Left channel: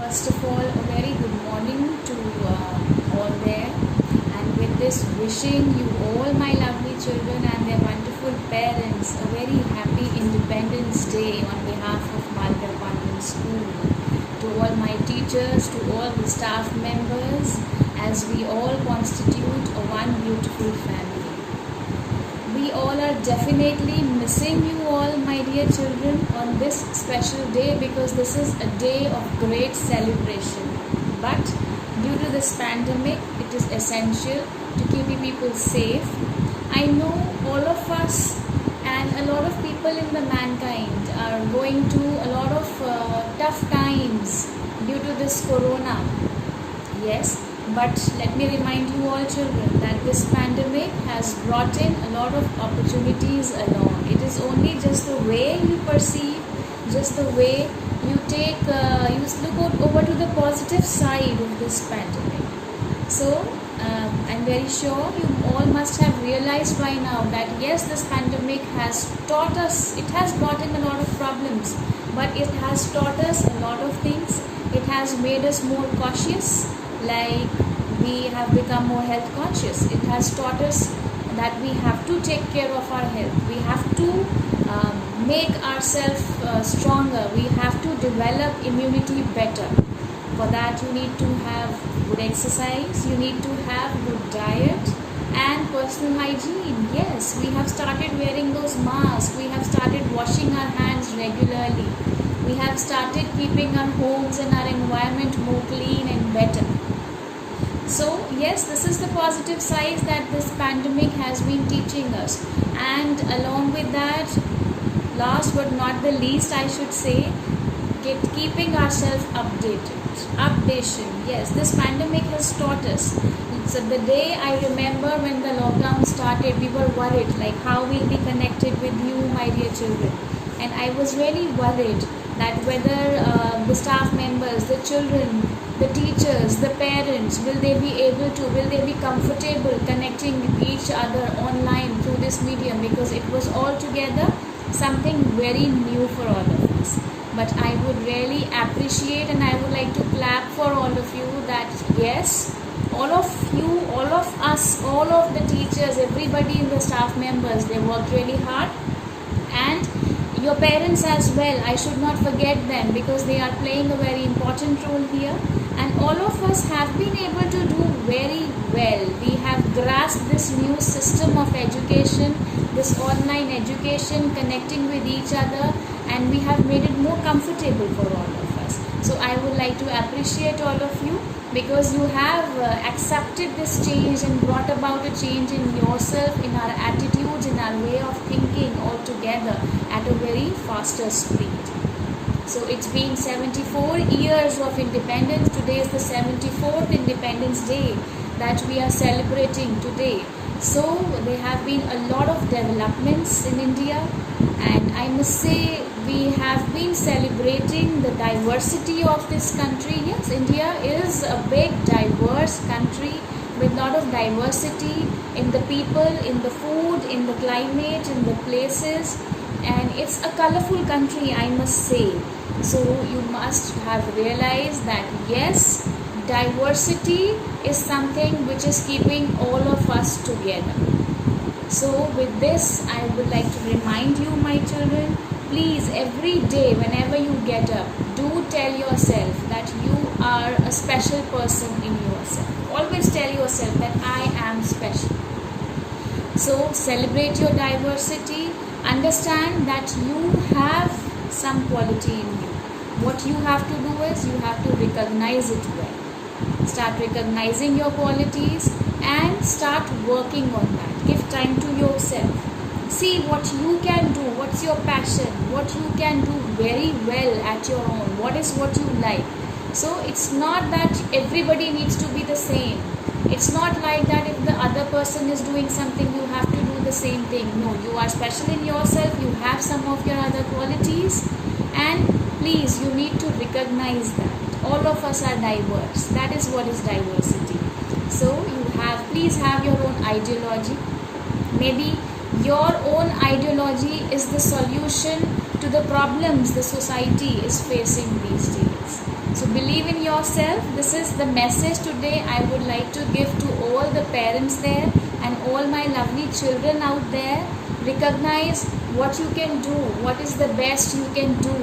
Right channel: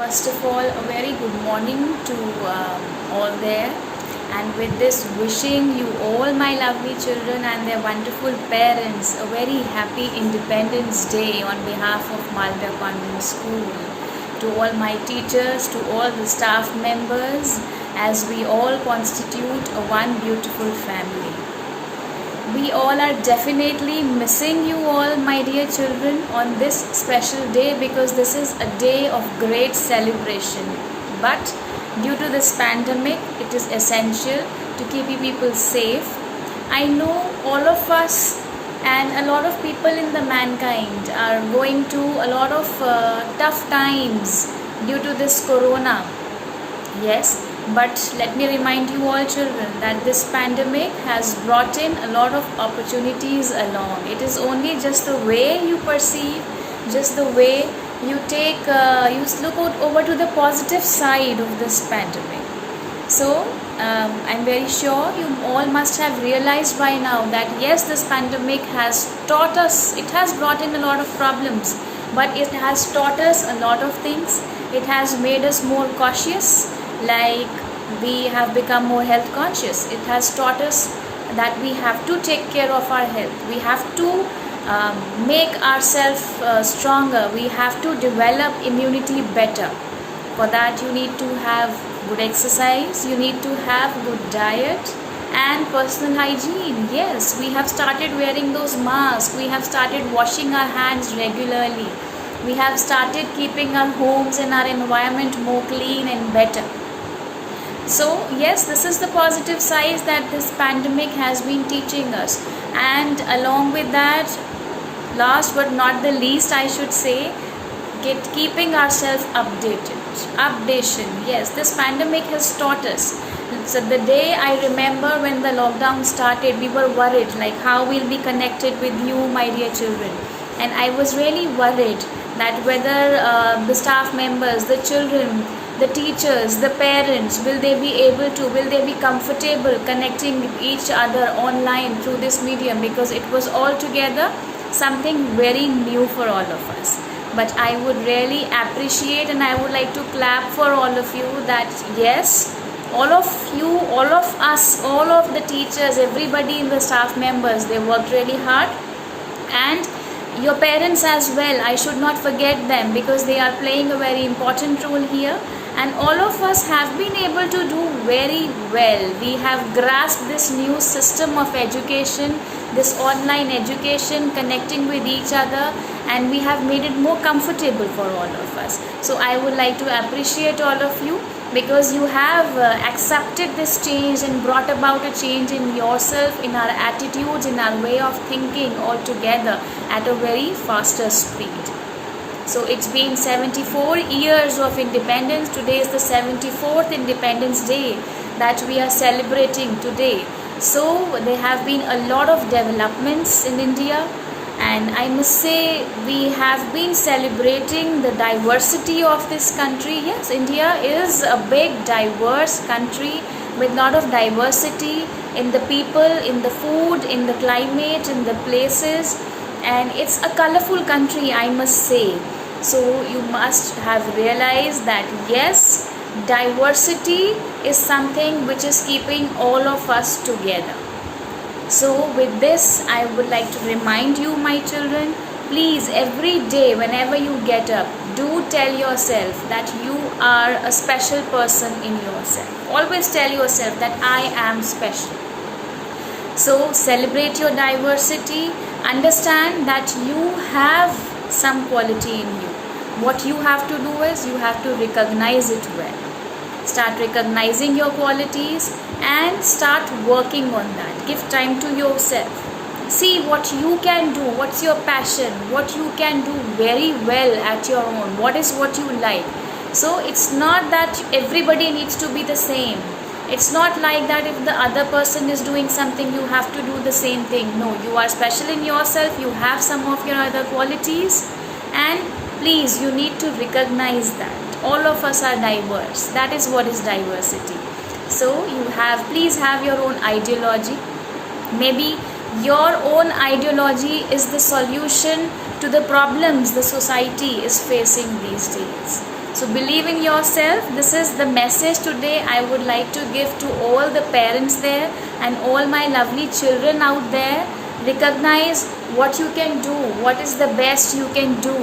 First of all, a very good morning to all there. And with this, wishing you all, my lovely children and their wonderful parents, a very happy Independence Day on behalf of Malta Convent School. To all my teachers, to all the staff members, as we all constitute a one beautiful family. We all are definitely missing you all, my dear children, on this special day, because this is a day of great celebration. But due to this pandemic, it is essential to keep you people safe. I know all of us and a lot of people in the mankind are going through a lot of tough times due to this corona. Yes, but let me remind you all children that this pandemic has brought in a lot of opportunities along. It is only just the way you perceive, just the way you take, you look over to the positive side of this pandemic. So I'm very sure you all must have realized by now that yes, this pandemic has taught us, it has brought in a lot of problems, but it has taught us a lot of things. It has made us more cautious, like we have become more health conscious. It has taught us that we have to take care of our health. We have to make ourselves stronger. We have to develop immunity better. For that you need to have good exercise, you need to have good diet and personal hygiene. Yes, we have started wearing those masks, we have started washing our hands regularly, we have started keeping our homes and our environment more clean and better. So yes, this is the positive side that this pandemic has been teaching us. And along with that, last but not the least, I should say, keeping ourselves updated. Updation, yes, this pandemic has taught us. So the day I remember when the lockdown started, we were worried like how we'll be connected with you, my dear children. And I was really worried that whether the staff members, the children, the teachers, the parents, will they be comfortable connecting with each other online through this medium, because it was altogether something very new for all of us. But I would really appreciate and I would like to clap for all of you that yes, all of you, all of us, all of the teachers, everybody in the staff members, they worked really hard. And your parents as well, I should not forget them, because they are playing a very important role here. And all of us have been able to do very well. We have grasped this new system of education, this online education, connecting with each other, and we have made it more comfortable for all of us. So I would like to appreciate all of you, because you have accepted this change and brought about a change in yourself, in our attitudes, in our way of thinking altogether at a very faster speed. So it's been 74 years of independence. Today is the 74th Independence Day that we are celebrating today. So there have been a lot of developments in India, and I must say we have been celebrating the diversity of this country. Yes, India is a big diverse country with a lot of diversity in the people, in the food, in the climate, in the places, and it's a colorful country, I must say. So you must have realized that yes, diversity is something which is keeping all of us together. So with this, I would like to remind you, my children, please every day whenever you get up, do tell yourself that you are a special person in yourself. Always tell yourself that I am special. So celebrate your diversity. Understand that you have some quality in you. What you have to do is you have to recognize it well. Start recognizing your qualities and start working on that. Give time to yourself. See what you can do, what's your passion, what you can do very well at your own, what you like. So it's not that everybody needs to be the same. It's not like that if the other person is doing something, you have to do the same thing. No, you are special in yourself, you have some of your other qualities, and please, you need to recognize that. All of us are diverse. That is what is diversity. So please have your own ideology. Maybe your own ideology is the solution to the problems the society is facing these days. So believe in yourself. This is the message today I would like to give to all the parents there and all my lovely children out there. Recognize what you can do, what is the best you can do,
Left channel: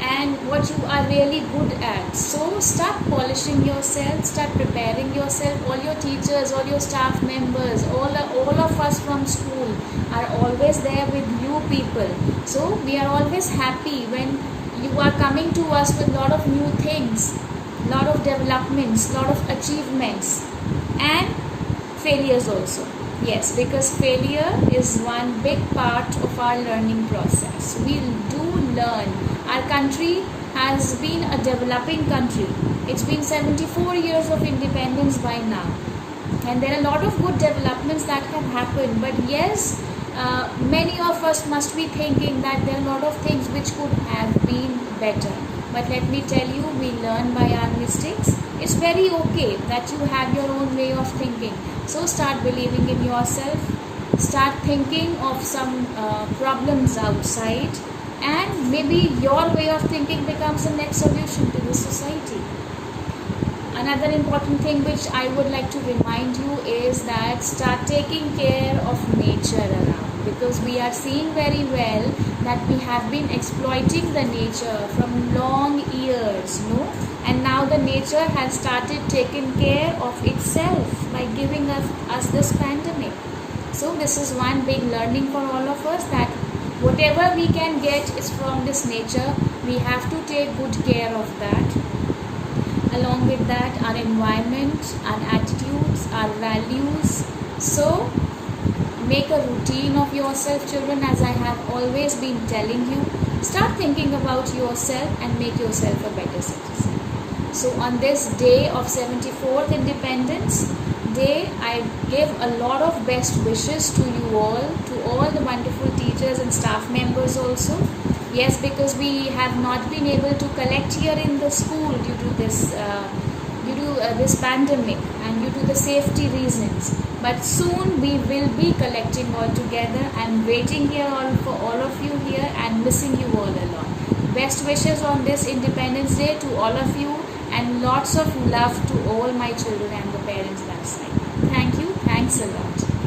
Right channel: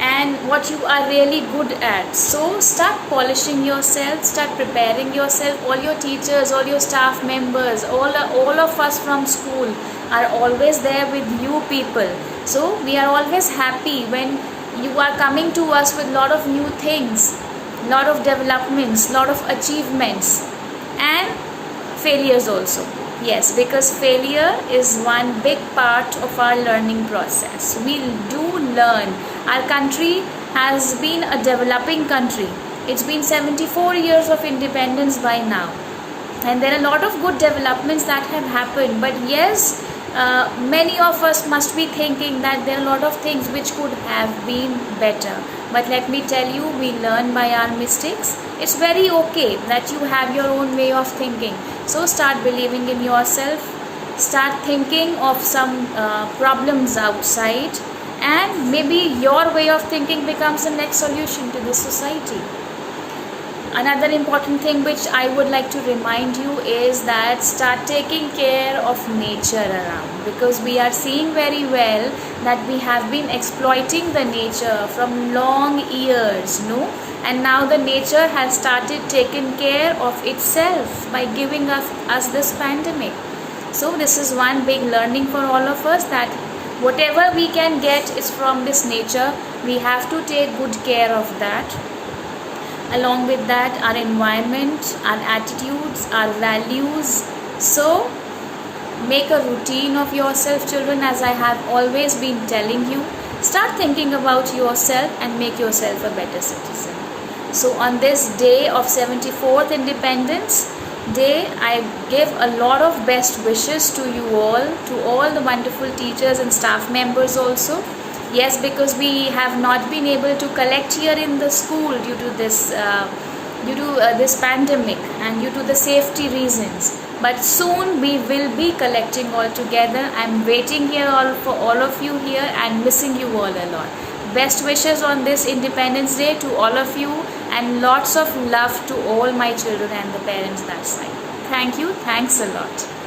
and what you are really good at. So start polishing yourself, start preparing yourself. All your teachers, all your staff members, all of us from school are always there with you people. So we are always happy when you are coming to us with lot of new things, lot of developments, lot of achievements, and failures also. Yes, because failure is one big part of our learning process. We do learn. Our country has been a developing country. It's been 74 years of independence by now. And there are a lot of good developments that have happened. But yes, many of us must be thinking that there are a lot of things which could have been better. But let me tell you, we learn by our mistakes. It's very okay that you have your own way of thinking. So start believing in yourself. Start thinking of some problems outside, and maybe your way of thinking becomes the next solution to the society. Another important thing which I would like to remind you is that start taking care of nature around, because we are seeing very well that we have been exploiting the nature from long years, no? And now the nature has started taking care of itself by giving us this pandemic. So this is one big learning for all of us, that whatever we can get is from this nature. We have to take good care of that. Along with that, our environment, our attitudes, our values. So make a routine of yourself, children, as I have always been telling you. Start thinking about yourself and make yourself a better citizen. So on this day of 74th Independence Day, I give a lot of best wishes to you all, to all the wonderful teachers and staff members also. Yes, because we have not been able to collect here in the school due to this pandemic and due to the safety reasons. But soon we will be collecting all together. I'm waiting here for all of you here and missing you all a lot. Best wishes on this Independence Day to all of you, and lots of love to all my children and the parents that side. Thank you. Thanks a lot.